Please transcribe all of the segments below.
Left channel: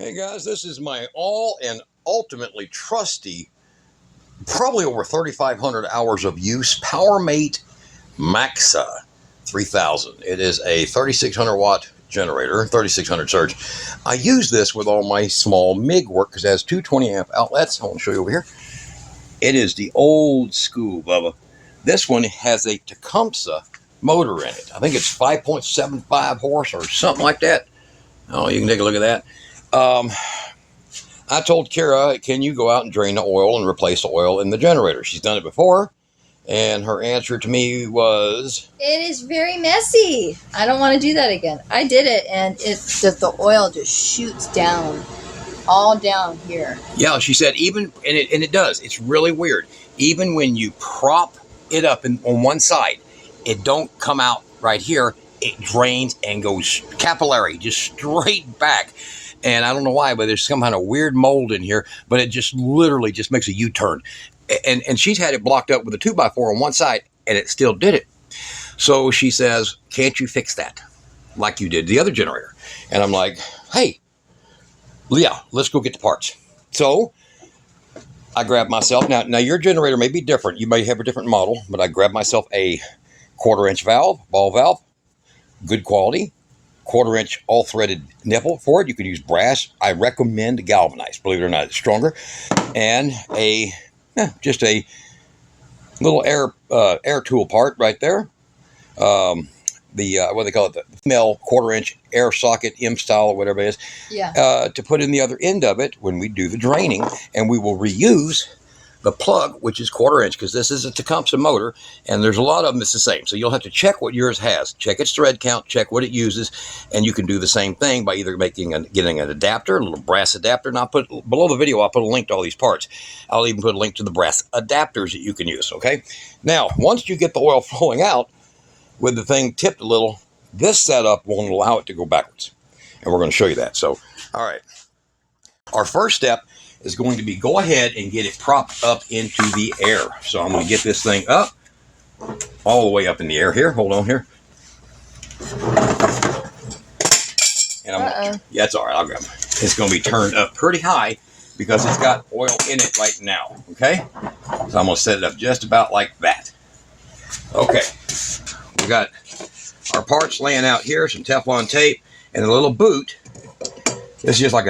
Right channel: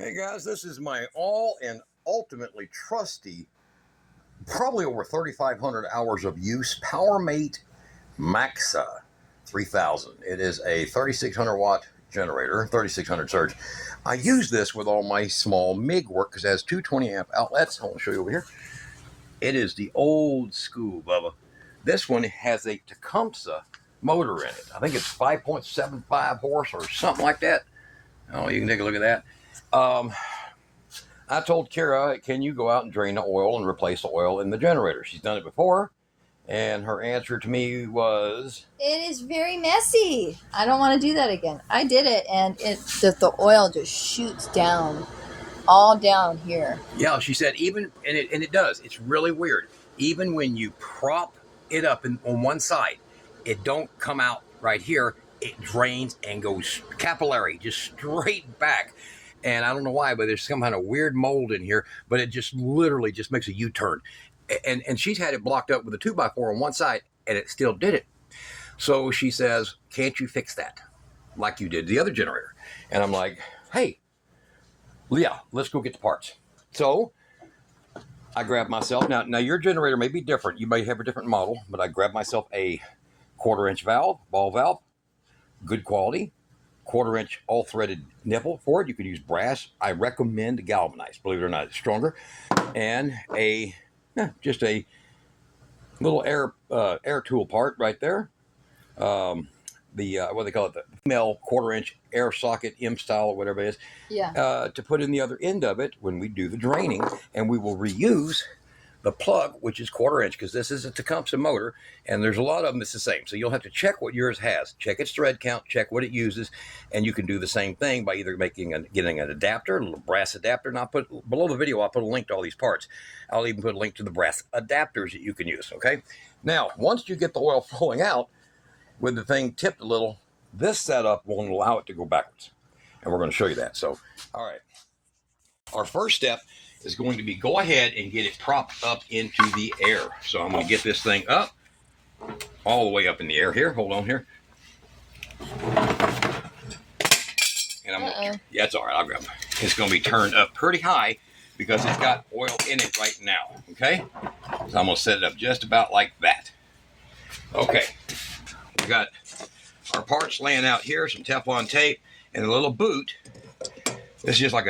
Hey guys, this is my all and ultimately trusty, probably over 3,500 hours of use, PowerMate Maxa 3000. It is a 3,600 watt generator, 3,600 surge. I use this with all my small MIG work because it has two 20 amp outlets. I want to show you over here. It is the old school, Bubba. This one has a Tecumseh motor in it. I think it's 5.75 horse or something like that. Oh, you can take a look at that. I told Kara, can you go out and drain the oil and replace the oil in the generator? She's done it before, and her answer to me was, it is very messy. I don't want to do that again. I did it, and the oil just shoots down, all down here. Yeah, she said even, and it does. It's really weird. Even when you prop it up on one side, it don't come out right here. It drains and goes capillary, just straight back. And I don't know why, but there's some kind of weird mold in here, but it just literally just makes a U-turn. And she's had it blocked up with a 2x4 on one side, and it still did it. So she says, can't you fix that like you did the other generator? And I'm like, hey, yeah, let's go get the parts. So I grabbed myself. Now your generator may be different. You may have a different model, but I grabbed myself a 1/4-inch valve, ball valve, good quality. 1/4-inch all threaded nipple for it. You can use brass. I recommend galvanized, believe it or not, it's stronger. And just a little air tool part right there. What do they call it? The female 1/4-inch air socket, M style or whatever it is. Yeah. To put in the other end of it when we do the draining, and we will reuse the plug, which is 1/4-inch, because this is a Tecumseh motor, and there's a lot of them that's the same. So you'll have to check what yours has, check its thread count, check what it uses, and you can do the same thing by either getting an adapter, a little brass adapter. And I'll put below the video, I'll put a link to all these parts. I'll even put a link to the brass adapters that you can use. Okay. Now, once you get the oil flowing out with the thing tipped a little, this setup won't allow it to go backwards, and we're going to show you that. So, all right, our first step is going to be go ahead and get it propped up into the air. So I'm going to get this thing up, all the way up in the air here. Hold on here. And yeah, it's all right. I'll grab it. It's going to be turned up pretty high because it's got oil in it right now. Okay. So I'm going to set it up just about like that. Okay. We got our parts laying out here, some Teflon tape, and a little boot. This is just like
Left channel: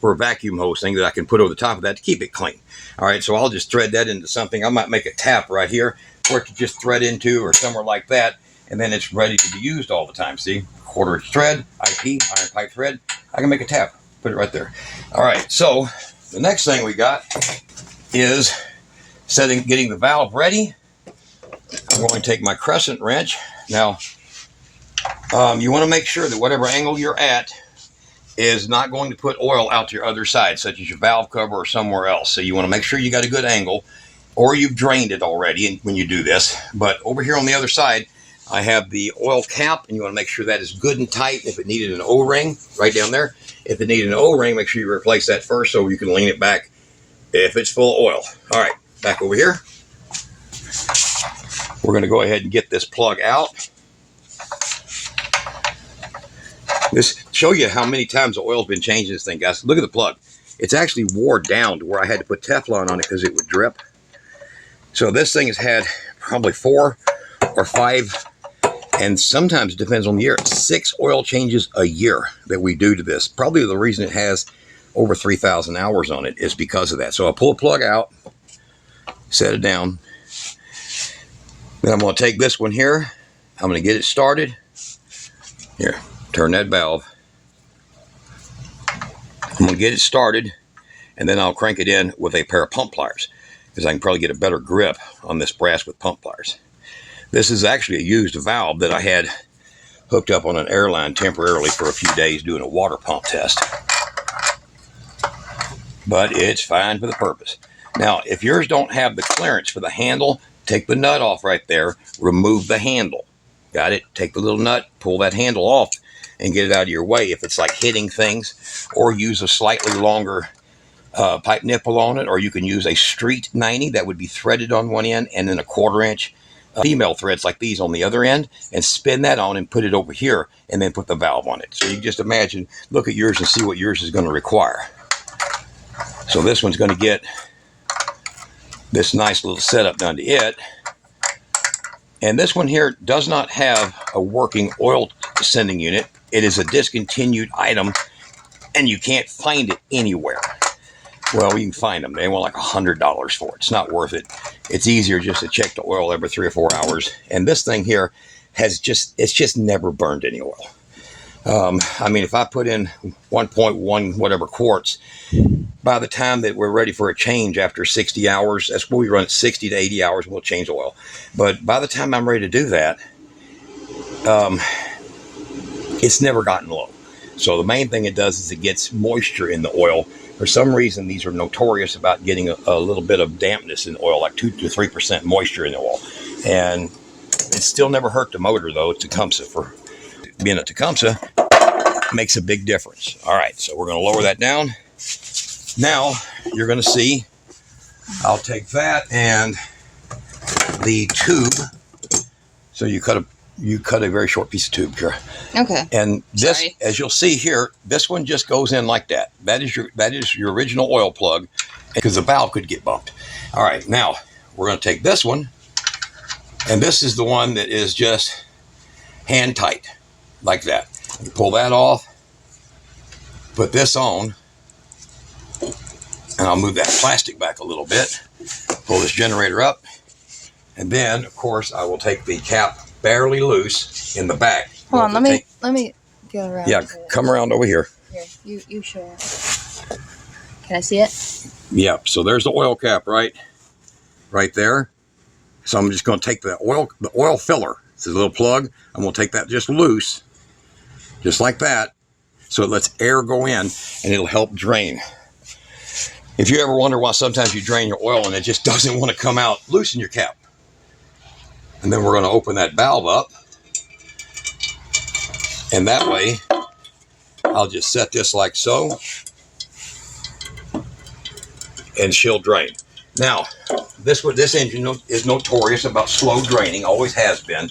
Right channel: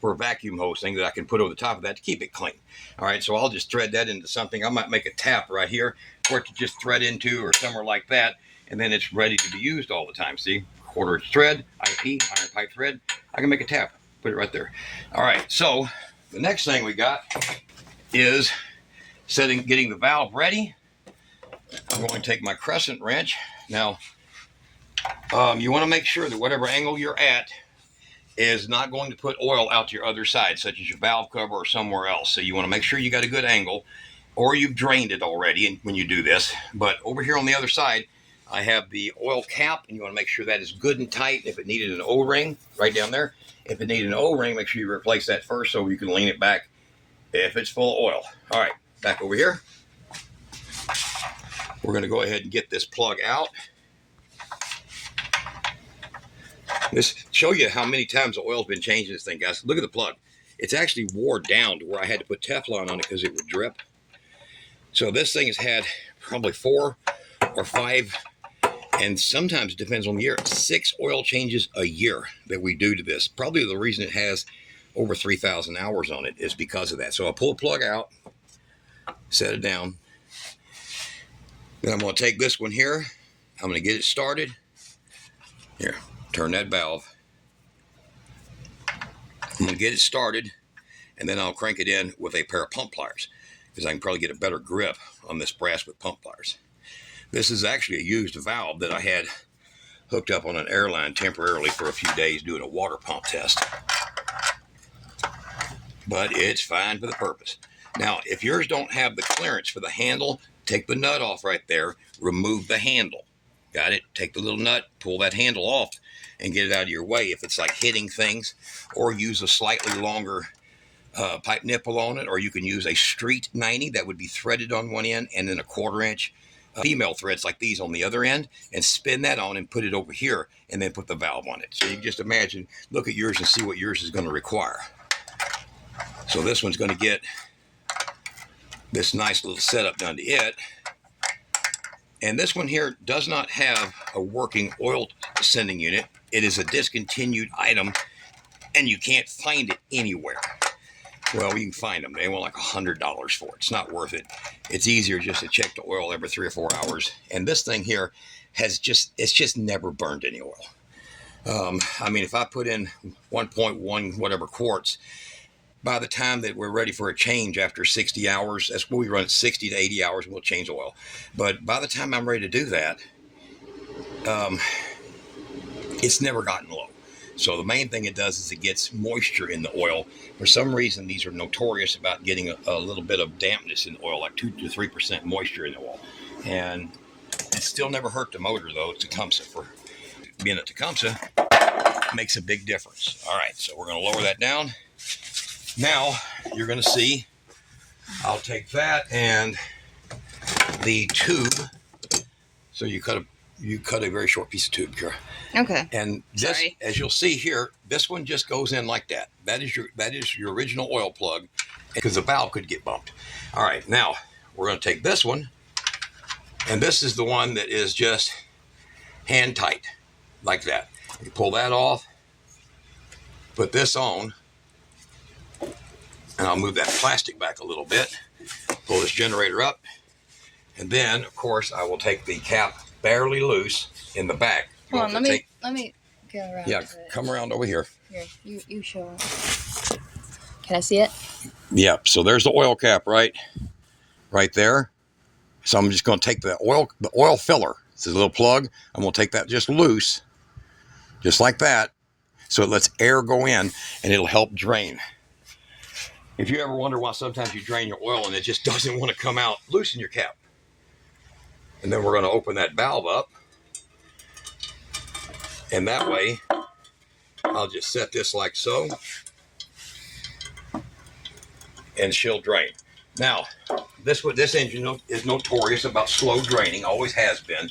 for a vacuum hose thing that I can put over the top of that to keep it clean. All right, so I'll just thread that into something. I might make a tap right here for it to just thread into, or somewhere like that, and then it's ready to be used all the time. See, 1/4-inch thread, IP, iron pipe thread. I can make a tap, put it right there. All right, so the next thing we got is getting the valve ready. I'm going to take my crescent wrench. Now, you want to make sure that whatever angle you're at is not going to put oil out to your other side, such as your valve cover or somewhere else. So you want to make sure you got a good angle, or you've drained it already when you do this. But over here on the other side, I have the oil cap, and you want to make sure that is good and tight. If it needed an O-ring, right down there. If it needed an O-ring, make sure you replace that first so you can lean it back if it's full of oil. All right, back over here. We're going to go ahead and get this plug out. This show you how many times the oil's been changed in this thing, guys. Look at the plug. It's actually wore down to where I had to put Teflon on it because it would drip. So this thing has had probably 4 or 5, and sometimes it depends on the year, 6 oil changes a year that we do to this. Probably the reason it has over 3,000 hours on it is because of that. So I'll pull the plug out, set it down. Then I'm going to take this one here. I'm going to get it started. Here. Turn that valve. I'm going to get it started, and then I'll crank it in with a pair of pump pliers because I can probably get a better grip on this brass with pump pliers. This is actually a used valve that I had hooked up on an airline temporarily for a few days doing a water pump test. But it's fine for the purpose. Now, if yours don't have the clearance for the handle, take the nut off right there, remove the handle. Got it? Take the little nut, pull that handle off, and get it out of your way if it's like hitting things, or use a slightly longer pipe nipple on it, or you can use a street 90 that would be threaded on one end, and then a 1/4-inch female threads like these on the other end and spin that on and put it over here and then put the valve on it. So you can just imagine, look at yours and see what yours is going to require. So this one's going to get this nice little setup done to it. And this one here does not have a working oil sending unit. It is a discontinued item and you can't find it anywhere. Well, you can find them. They want like $100 for it. It's not worth it. It's easier just to check the oil every 3 or 4 hours. And this thing here it's just never burned any oil. I mean, if I put in 1.1 whatever quarts, by the time that we're ready for a change after 60 hours, that's what we run at 60 to 80 hours, we'll change oil. But by the time I'm ready to do that, it's never gotten low. So the main thing it does is it gets moisture in the oil. For some reason, these are notorious about getting a little bit of dampness in the oil, like 2 to 3% moisture in the oil. And it still never hurt the motor, though. Tecumseh, for being a Tecumseh, makes a big difference. All right, so we're going to lower that down. Now, you're going to see, I'll take that and the tube. So you cut a very short piece of tube, Kara. Okay. And this, as you'll see here, this one just goes in like that. That is your original oil plug, because the valve could get bumped. All right, now we're going to take this one, and this is the one that is just hand tight, like that. You pull that off, put this on, and I'll move that plastic back a little bit. Pull this generator up, and then, of course, I will take the cap barely loose in the back. Hold on, let me get around. Yeah, come around over here. Here, you show it. Can I see it? Yep. So there's the oil cap right there. So I'm just going to take the oil filler. It's a little plug. I'm going to take that just loose, just like that. So it lets air go in, and it'll help drain. If you ever wonder why sometimes you drain your oil and it just doesn't want to come out, loosen your cap. And then we're going to open that valve up. And that way, I'll just set this like so. And she'll drain. Now, this engine is notorious about slow draining, always has been.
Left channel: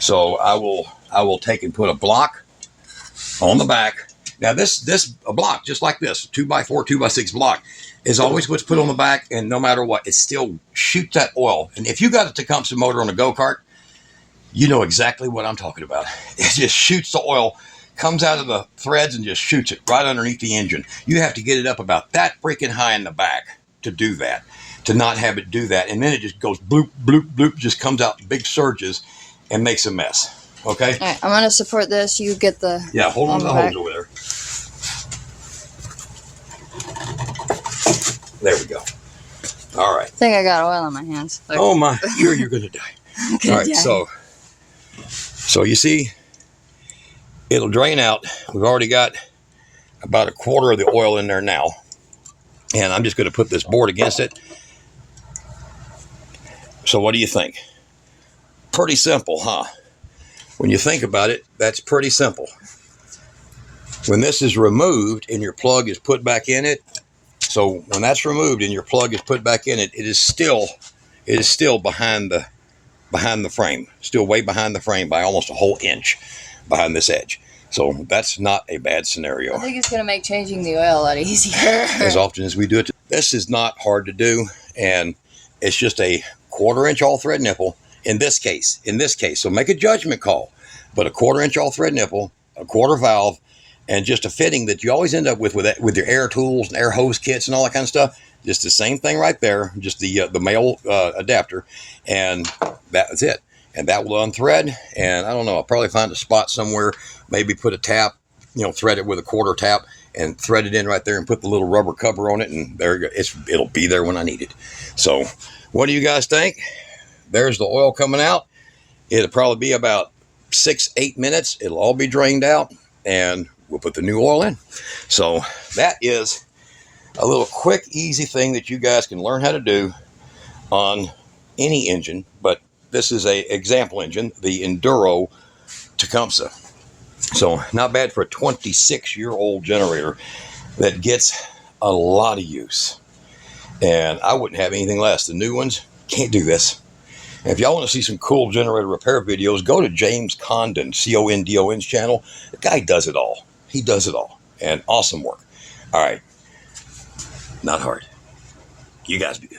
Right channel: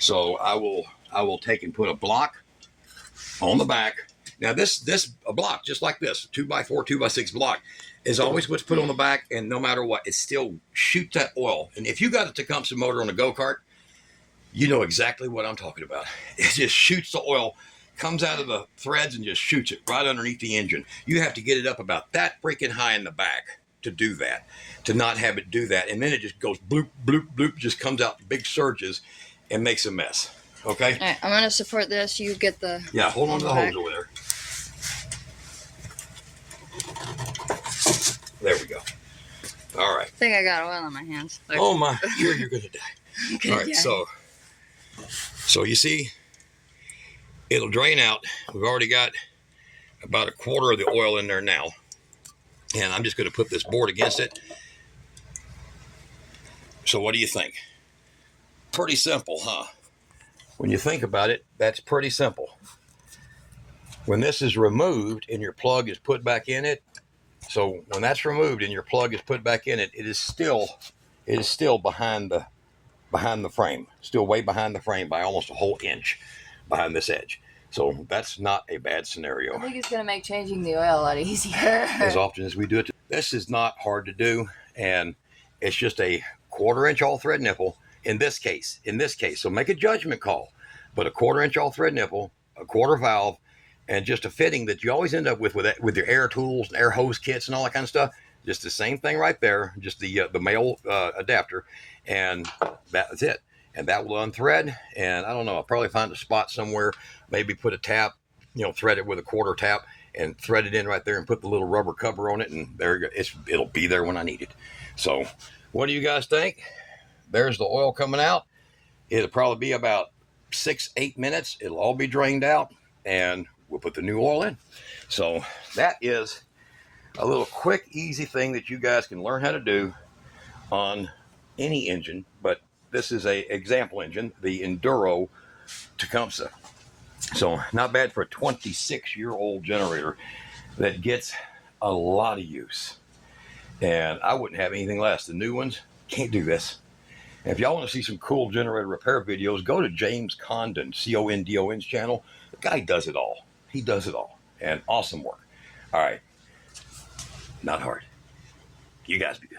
So I will take and put a block on the back. Now a block, just like this, 2x4, 2x6 block, is always what's put on the back, and no matter what, it still shoots that oil. And if you got a Tecumseh motor on a go-kart, you know exactly what I'm talking about. It just shoots the oil, comes out of the threads and just shoots it right underneath the engine. You have to get it up about that freaking high in the back to do that, to not have it do that. And then it just goes bloop, bloop, bloop, just comes out big surges and makes a mess. Okay? All right, I'm going to support this. You get the... Yeah, hold on to the hose over there. There we go. All right. I think I got oil on my hands. Like, oh my, you're going to die. All right, so you see, it'll drain out. We've already got about a quarter of the oil in there now. And I'm just going to put this board against it. So what do you think? Pretty simple, huh? When you think about it, that's pretty simple. When this is removed and your plug is put back in it, so when that's removed and your plug is put back in it, it is still behind the frame, still way behind the frame by almost a whole inch behind this edge. So that's not a bad scenario. I think it's going to make changing the oil a lot easier. As often as we do it. This is not hard to do, and it's just a 1/4 inch all thread nipple in this case. So make a judgment call. But a 1/4 inch all thread nipple, a quarter valve, and just a fitting that you always end up with your air tools and air hose kits and all that kind of stuff. Just the same thing right there, just the male adapter, and that's it. And that will unthread, and I don't know, I'll probably find a spot somewhere, maybe put a tap, thread it with a 1/4 tap, and thread it in right there and put the little rubber cover on it, and there you go. It'll be there when I need it. So what do you guys think? There's the oil coming out. It'll probably be about 6-8 minutes. It'll all be drained out, and we'll put the new oil in. So that is a little quick, easy thing that you guys can learn how to do on any engine, but this is a example engine, the Enduro Tecumseh. So not bad for a 26-year-old generator that gets a lot of use. And I wouldn't have anything less. The new ones can't do this. And if y'all want to see some cool generator repair videos, go to James Condon, Condon's channel. The guy does it all. He does it all. And awesome work. All right. Not hard. You guys be good.